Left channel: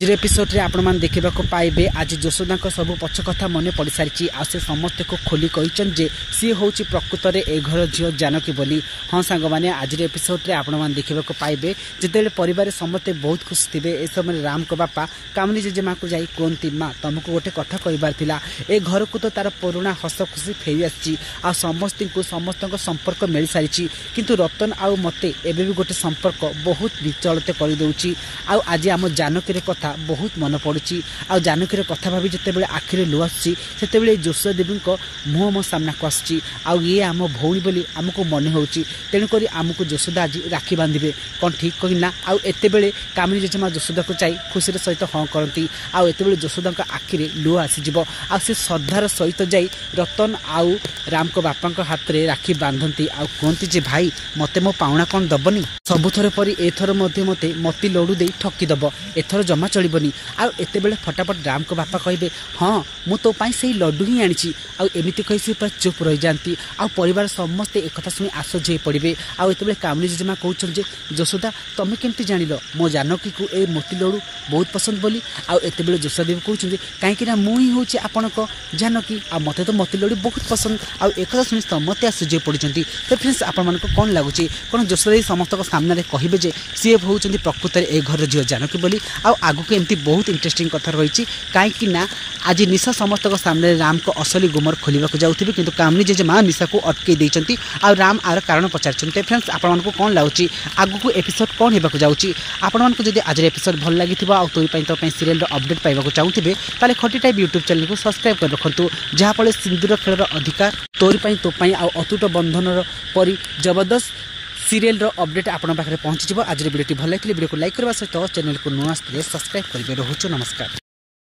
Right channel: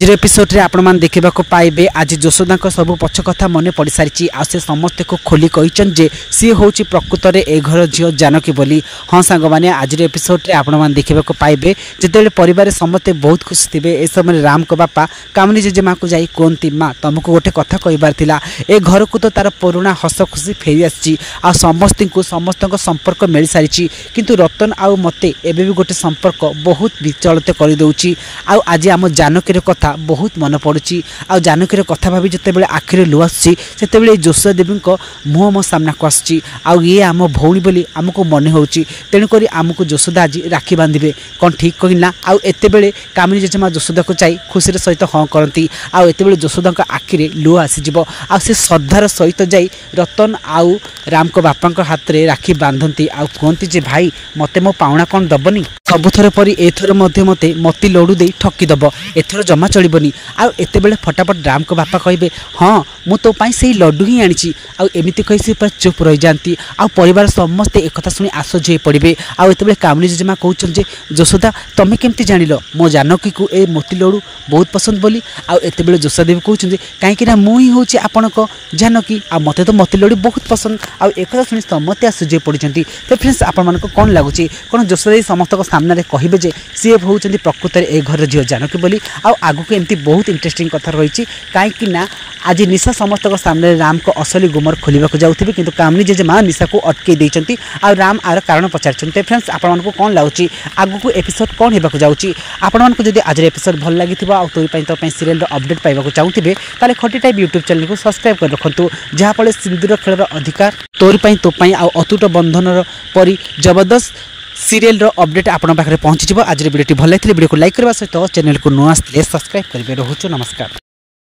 आज एपिसोड रे आपण मान देखा पाइबे आज यशोदा सब पछ कथा मन पड़ सारी से समस्त को खोली कहीचन जे सी हूँ प्रकृत में ए घर झील जानकी बोली। हाँ सांग मैंने आज एपिसोड रे आपण मान देखा पाइबे जिते परिवार समस्ते बहुत खुशी थे। ए समय राम को बापा कामनी जेजेमा को जाई कहती माँ तुमको गोटे कथा कहबार थिला ए घर को तो तार पुराना हस खुशी फेरी आसी आ समस्त संपर्क मिल सारी किंतु रतन आउ मते एबे भी गोटे संपर्क बहुत विचलित कर दउची। आज आम जानकी कथा बहुत मन पड़ुची आ जानकीर कथा भाभी जिते बड़े आखिरे लुह आसी से जोशा देवी मुह मो सामना को आसी ये आम भौणी बोली आमको मन होची तेणुक आमको जोशोदा आज राखी बांधे कौन ठीक कहना आते बेले कामिनी जेजेमा जोशोदा को चाई खुशी सहित हाँ करती आते जोशोदा आखिरे लुह आसीज आ श्रद्धार सहित जाई रतन आउ राम को बापा हाथ में राखी बांधती कहती जे भाई मते मो पाउना कौन दबनी सबुथर परी एथर मते मती लडू दे ठकीदब एथर जमा चलबनी आते बेले फटाफट राम को बापा कहे हाँ मु तो से लड्डू ही आनी आमती कही से पूरा चुप रही जाती परिवार समस्ते एक शुणी आश्चर्य पड़े आते कामनी जेजेमा कहते यशोदा तुम केमती जान मो जानकी को ए मोती लड्डू बहुत पसंद बोली आते बेले जोशा देवी कहते कहीं मुझे हूँ आपण जानकी मत तो मोती लड्डू बहुत पसंद एक शुणी समस्ते आश्चर्य पड़ते। तो फ्रेंड्स आपण कौन लगुच कौन जोशा समस्त सामने कहे सी हूँ प्रकृत में ए घर झील जानकी बोली आगु को एमती बहुत इंटरेस्टिंग कथा रही कहीं आज निशा समस्त सामने राम को असली गुमर खोलने जाऊे किंतु कामनी जेजेमा निशा को अटकई देती राम आर कारण पचार। फ्रेंड्स आपण कौन लगुच आगु को एपिसोड कौन होगा जाऊँगी आपण जब आज एपिसोड भल लगी तोरी सीरियल अपडेट पाइबा चाहूथे ताले खटी टाइप यूट्यूब चैनल को सब्सक्राइब कर रखु जहाँफल सिंदूर खेल अधिकार तोरी तो अतुट बंधन परी जबरदस्त सीरियल अपडेट आपण पाखे पहुंची। आज वीडियो भल लगी वीडियो को लाइक करने सहित चैनल को नुआ सब्सक्राइब करेंगे। रोचो नमस्कार।